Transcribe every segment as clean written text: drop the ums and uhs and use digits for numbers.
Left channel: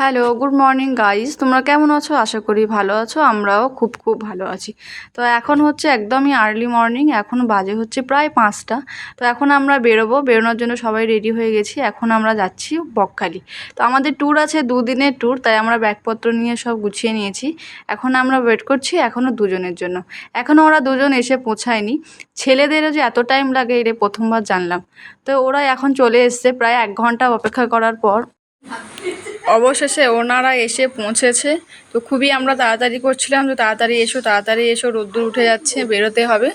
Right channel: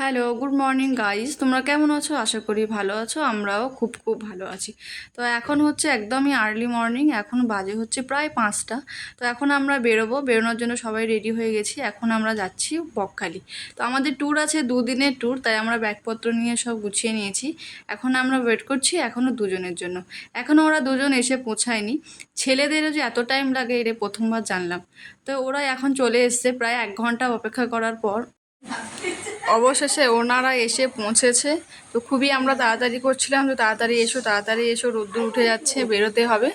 Hello, good morning guys. তোমরা কেমন আছো? আশা করি ভালো আছো। আমরাও খুব খুব ভালো আছি। তো এখন হচ্ছে একদমই আর্লি মর্নিং। এখন বাজে হচ্ছে প্রায় 5টা। তো এখন আমরা বেরোবো। বেরোনোর জন্য সবাই রেডি হয়ে গেছি। এখন আমরা যাচ্ছি বকখালি। তো আমাদের ট্যুর আছে, দুদিনের ট্যুর, তাই আমরা ব্যাগপত্র নিয়ে সব গুছিয়ে নিয়েছি। এখন আমরা ওয়েট করছি এখনও দুজনের জন্য। এখনও ওরা দুজন এসে পৌঁছায়নি। ছেলেদেরও যে এত টাইম লাগে এটা প্রথমবার জানলাম। তো ওরা এখন চলে এসছে প্রায় 1 ঘন্টা অপেক্ষা করার পর। অবশেষে ওনারা এসে পৌঁছেছে। তো খুবই আমরা তাড়াতাড়ি করছিলাম, তো তাড়াতাড়ি এসো তাড়াতাড়ি এসো, রোদ্দুর উঠে যাচ্ছে, বেরোতে হবে।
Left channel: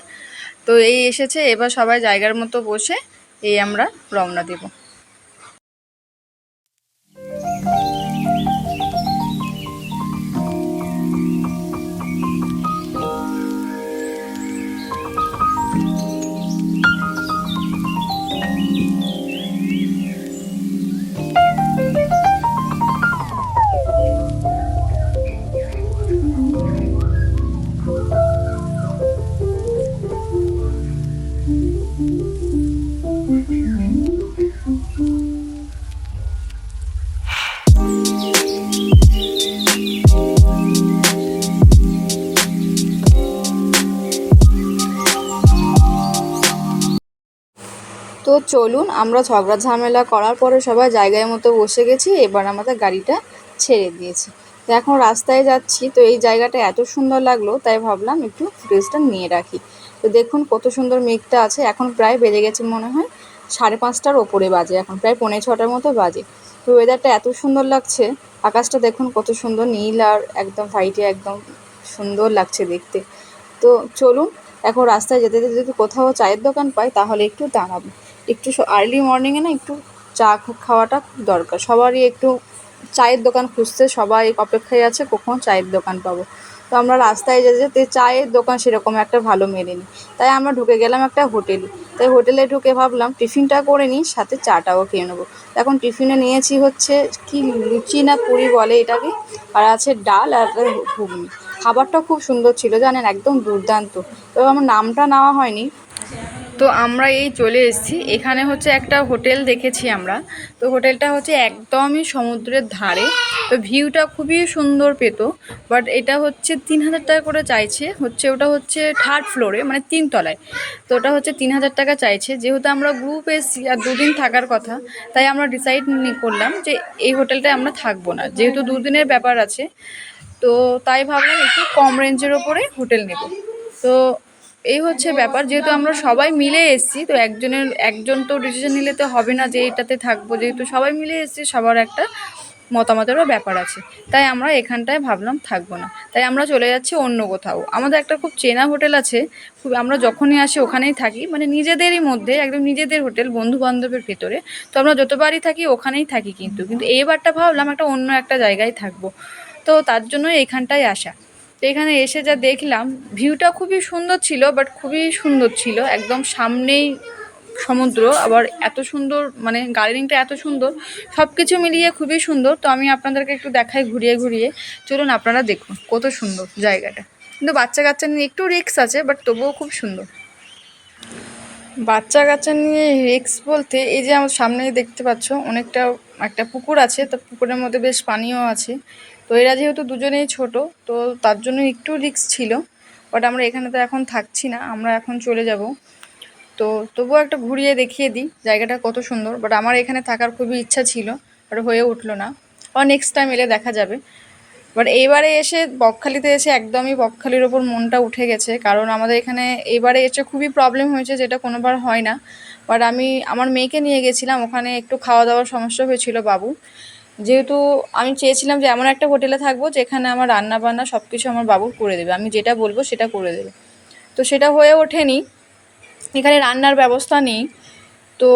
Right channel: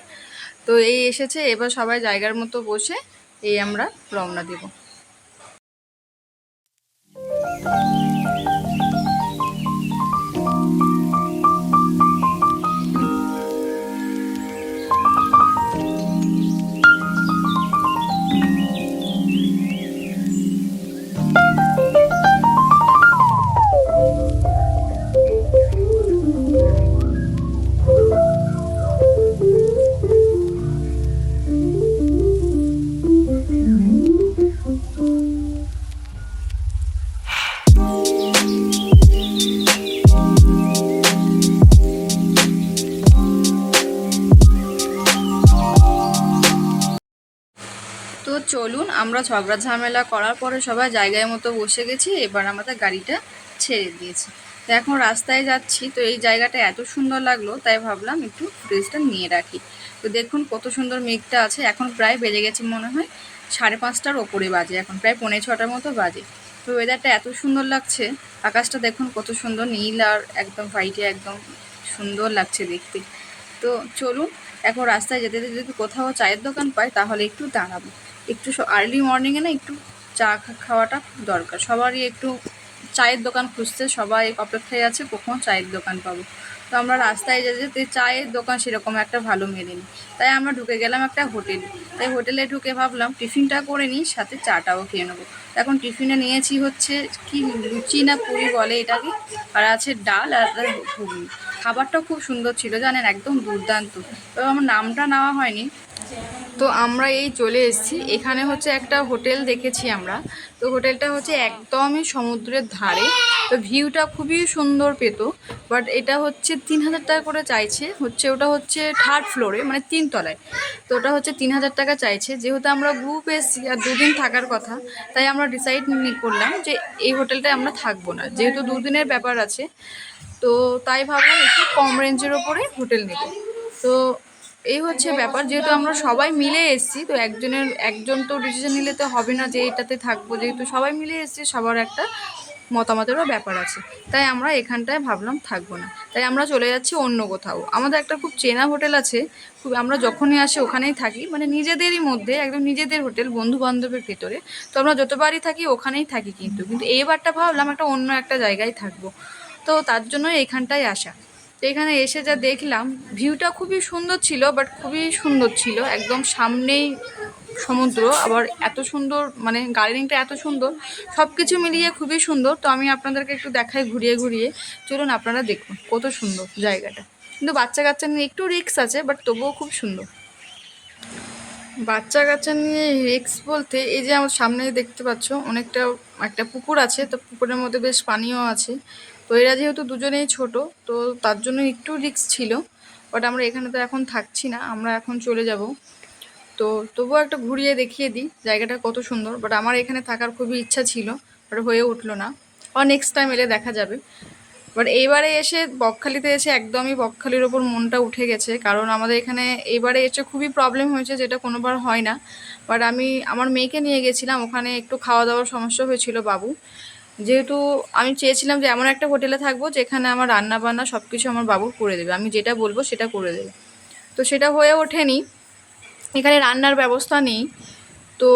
তো এই এসেছে, এবার সবাই জায়গার মতো বসে এই আমরা রওনা দেব। তো চলুন, আমরা ঝগড়া ঝামেলা করার পরে সবাই জায়গায় মতো বসে গেছি। এবার আমাদের গাড়িটা ছেড়ে দিয়েছে। তো এখন রাস্তায় যাচ্ছি। তো এই জায়গাটা এত সুন্দর লাগলো, তাই ভাবলাম একটু ড্রেসটা নিয়ে রাখি। তো দেখুন কত সুন্দর মেঘটা আছে। এখন প্রায় বেজে গেছে মনে হয় 5:30টার ওপরে বাজে, এখন প্রায় 5:45টার মতো বাজে। তো ওয়েদারটা এত সুন্দর লাগছে। আকাশটা দেখুন কত সুন্দর নীল আর একদম হোয়াইটে, একদম সুন্দর লাগছে দেখতে। তো চলুন, এখন রাস্তায় যেতে যেতে যদি কোথাও চায়ের দোকান পাই তাহলে একটু দাঁড়াবো। একটু আর্লি মর্নিংয়ে না একটু চা খাওয়াটা খুব দরকার। সবারই একটু চায়ের দোকান খুঁজতে সবাই অপেক্ষায় আছে কখন চায়ের দোকান পাবো। তো আমরা রাস্তায় যেতে যেতে চায়ের দোকান সেরকম একটা ভালো মেলেনি, তাই আমরা ঢুকে গেলাম একটা হোটেলে। তাই হোটেলে ঢুকে ভাবলাম টিফিনটা করে নিই, সাথে চাটাও খেয়ে নেবো। এখন টিফিনে নিয়েছি হচ্ছে কি লুচি না পুরি বলে এটাকে, আর আছে ডাল আর ঘুগনি। খাবারটা খুব সুন্দর ছিল জানেন, একদম দুর্দান্ত। তবে আমার নামটা নেওয়া হয়নি। তো আমরা এই চলে এসেছি, এখানে হচ্ছে একটা হোটেল দেখেছি আমরা। তো হোটেলটা হচ্ছে একদমই সমুদ্রের ধারে। তো ভিউটা খুবই সুন্দর পেত। বাট এটা হচ্ছে 3,000 টাকা করে চাইছে, হচ্ছে ওটা হচ্ছে 3rd ফ্লোরে, মানে 3 তলায়। তো ওটা হচ্ছে 3,000 টাকা চাইছে। যেহেতু আমরা গ্রুপ এসেছি আর দুদিন থাকার কথা, তাই আমরা ডিসাইড করলাম যে এই হোটেলটায় আমরা থাকবো না, যেহেতু দুদিনের ব্যাপার আছে। তো তাই ভাবলাম একটু কম রেঞ্জের ওপরে হোটেল নেব। তো এই হচ্ছে ব্যাপার, যেহেতু আমরা সবাই মিলে এসেছি, তো একজন তো ডিসিশন নিলে তো হবে না যে এটাতে থাকবো। যেহেতু সবাই মিলে এসেছি, সবার একটা মতামতেরও ব্যাপার আছে। তাই আমরা এখানটায় ভাবলাম থাকবো না, তাই আমরা চলে যাচ্ছি অন্য কোথাও। আমাদের একটা খুব চেনা হোটেল আছে, খুব আমরা যখনই আসি ওখানেই থাকি, মানে নিজেদেরই মধ্যে একদম নিজেদের হোটেল, বন্ধু বান্ধবের ভেতরে। তো আমরা যতবারই থাকি ওখানেই থাকি, কিন্তু এইবারটা ভাবলাম একটা অন্য একটা জায়গায় থাকবো। তো তার জন্য এইখানটায় আসা। তো এখানে এসে যা দেখলাম, ভিউটা খুবই সুন্দর ছিল, বাট খুবই সুন্দর ছিল, একদম সামনেই সমুদ্র, আবার এত সুন্দর, মানে গার্ডেনিংটা এত সুন্দর, সব কিছু মিলিয়ে খুবই সুন্দর। তো আমি আপনাদেরকে একটু দেখাই ঘুরিয়ে ঘুরিয়ে। চলুন আপনারা দেখুন কত সুন্দর জায়গাটা। কিন্তু বাচ্চা কাচ্চা নিয়ে একটু রিস্ক আছে, বাট তবুও খুব সুন্দর। বাচ্চা কাচ্চা নিয়ে রিস্ক বলতে, এই যে আমার সামনেই দেখতে পাচ্ছ অনেকটা একটা পুকুর আছে। তো পুকুরের মধ্যে বেশ পানিও আছে। তো এরা যেহেতু দুজনেই ছোট, তো তার জন্য একটু রিস্ক ছিল। বাট আমরা এখানে তো এখন থাকছি না, আমরা এখন চলে যাব। তো তবুও একটা ঘুরিয়ে দেখিয়ে দিই জায়গাটা কত সুন্দর। বাট আমার এখানে থাকার খুবই ইচ্ছা ছিল, বাট হয়ে উঠলো না। আর নেক্সট টাইম এলে দেখা যাবে। বাট এইবারে এসে বকখালিতে এসে একদমই বকখালির ওপর মনটা উঠে গেছে, কারণ আমাদের এখানে এইবারে এসে খুবই প্রবলেম হয়েছে, যেটা কোনোবার হয় না। বাট আমি আমার মেয়েকে নিয়ে গেছিলাম, ওখানে একটু খাওয়া দাওয়ার সমস্যা হয়েছিল বাবু। যেহেতু আমি চেয়েছিলাম যে এমন একটা হোটেলে থাকবো যেখানে আমার রান্না বান্না সব কিছু আমার বাবু করে দেবে, আমি যেটা বলবো সেটা করে দেবে। তো সেটা হয়ে ওঠেনি, এখানে রান্নার ব্যবস্থা নেই। তো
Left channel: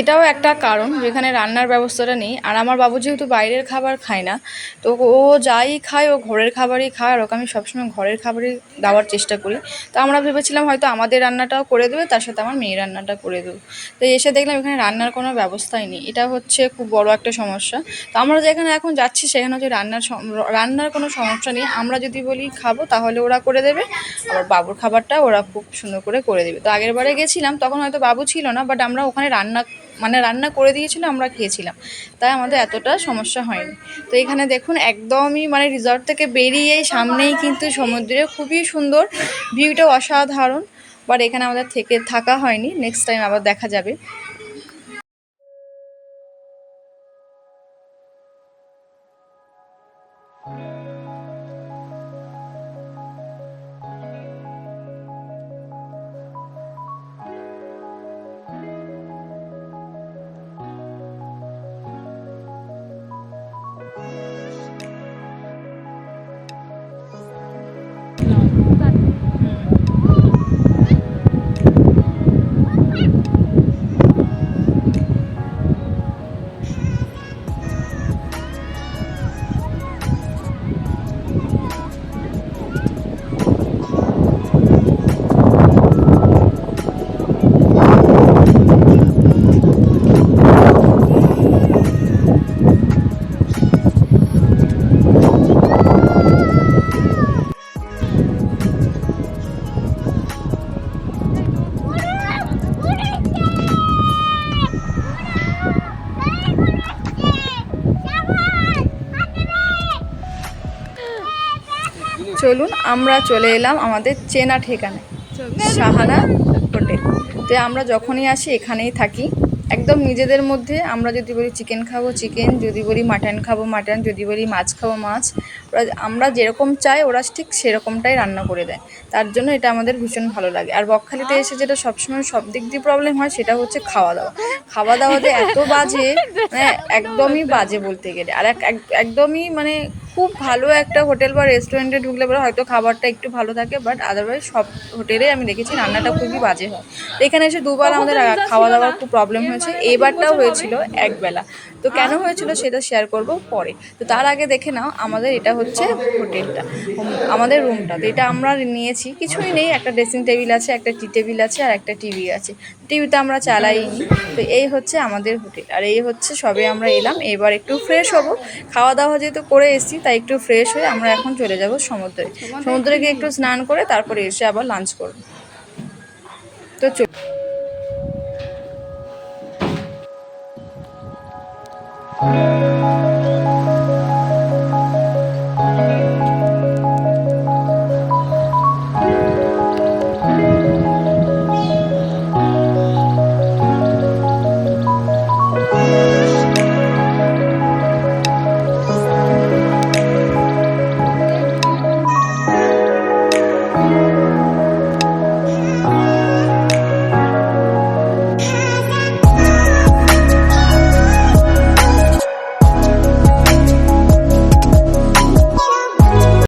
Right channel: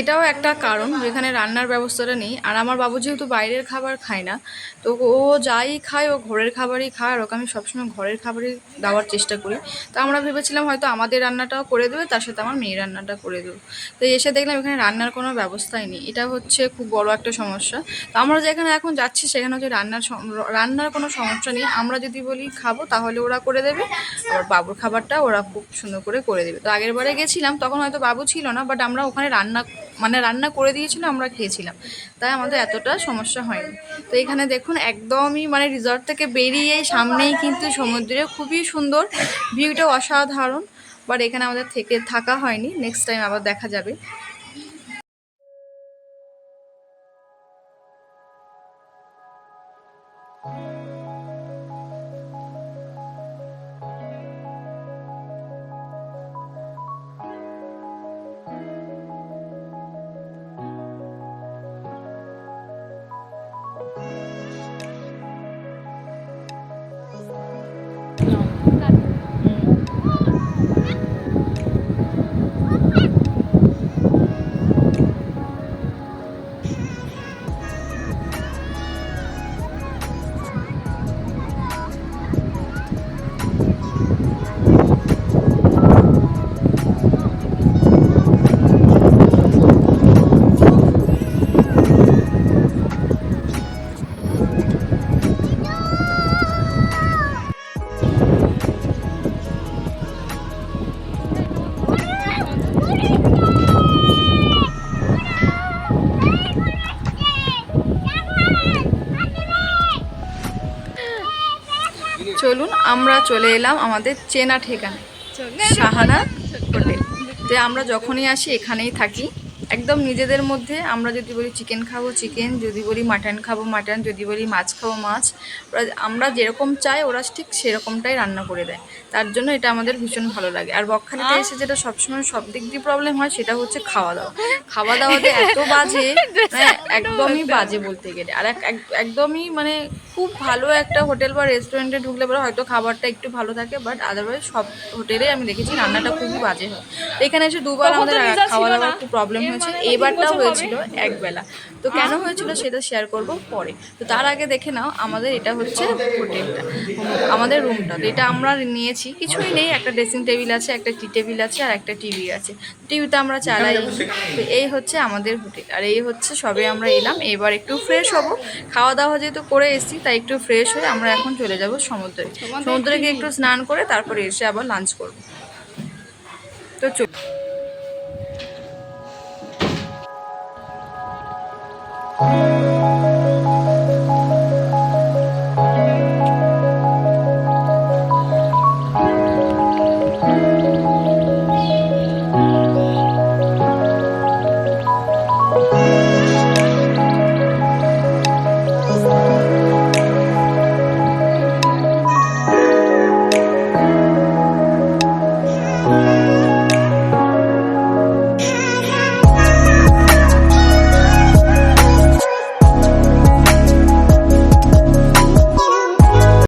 এটাও একটা কারণ যেখানে রান্নার ব্যবস্থাটা নেই। আর আমার বাবু যেহেতু বাইরের খাবার খায় না, তো ও যাই খায় ও ঘরের খাবারই খায়, আর ওকে আমি সবসময় ঘরের খাবারই দেওয়ার চেষ্টা করি। তো আমরা ভেবেছিলাম হয়তো আমাদের রান্নাটাও করে দেবে, তার সাথে আমার মেয়ের রান্নাটা করে দেবে। তো এসে দেখলাম এখানে রান্নার কোনো ব্যবস্থাই নেই, এটা হচ্ছে খুব বড় একটা সমস্যা। তো আমরা যেখানে এখন যাচ্ছি সেখানে হচ্ছে রান্নার কোনো সমস্যা নেই। আমরা যদি বলি খাবো তাহলে ওরা করে দেবে, আবার বাবুর খাবারটা ওরা খুব সুন্দর করে করে দেবে। তো আগের বারে গেছিলাম তখন হয়তো বাবু ছিল না, বাট আমরা ওখানে রান্না মানে রান্না করে দিয়েছিল, আমরা খেয়েছিলাম, তাই আমাদের এতটা সমস্যা হয়নি। তো এখানে দেখুন একদমই মানে রিসর্ট থেকে বেরিয়েই সামনেই কিন্তু সমুদ্রে, খুবই সুন্দর ভিউটা, অসাধারণ। বাট এখানে আমাদের থাকা হয়নি, নেক্সট টাইম আবার দেখা যাবে। চলুন আমরা চলে এলাম আমাদের চেনা ঠিকানায়, সাহানা হোটেল। তো আমরা যখনই আসি এখানেই থাকি, একদম নিজেদের মধ্যে। আমরা যদি বলি চিকেন খাবো চিকেন, যদি বলি মাটন খাবো মাটন, যদি বলি মাছ খাবো মাছ, ওরা আমরা যেরকম চাই ওরা ঠিক সেরকমটাই রান্না করে দেয়। তার জন্য এটা আমাদের ভীষণ ভালো লাগে। আর বকখালিতে এসে যেটা সবসময় সব দিক দিয়ে প্রবলেম হয় সেটা হচ্ছে খাওয়া দাওয়া। খাওয়া দাওয়াতে এত বাজে, মানে একদমই বাজে বলতে গেলে। আর একদমই মানে খুব ভালো একটা হোটেল বা রেস্টুরেন্টে ঢুকলে পরে হয়তো খাবারটা একটু ভালো থাকে, বাট আদারওয়াইজ সব হোটেলে আমি দেখেছি রান্নাটা খুবই বাজে হয়। তো এখানে এসে দুবার আমাদের খাওয়া দাওয়ার খুব প্রবলেম হয়েছে, এবারটাও হয়েছিল একবেলা। তো কেন হয়েছিল সেটা শেয়ার করব পরে। তো তার আগে দেখে নাও আমাদের এটা হচ্ছে হোটেলটা, আমাদের রুমটা। তো এটা আমরা নিয়েছি, কিছুই নেই, একটা ড্রেসিং টেবিল আছে, একটা টি টেবিল আছে, আর একটা টিভি আছে। টিভিটা আমরা চালাই। তো এই হচ্ছে আমাদের হোটেল, আর এই হচ্ছে সবে আমরা এলাম, এবার একটু ফ্রেশ হব। খাওয়া দাওয়া যেহেতু করে এসেছি তাই একটু ফ্রেশ হয়ে আমরা এখন চলে যাব সমুদ্রে। সমুদ্রে গিয়ে একটু স্নান করে তারপরে এসে আবার লাঞ্চ করব। তো চল।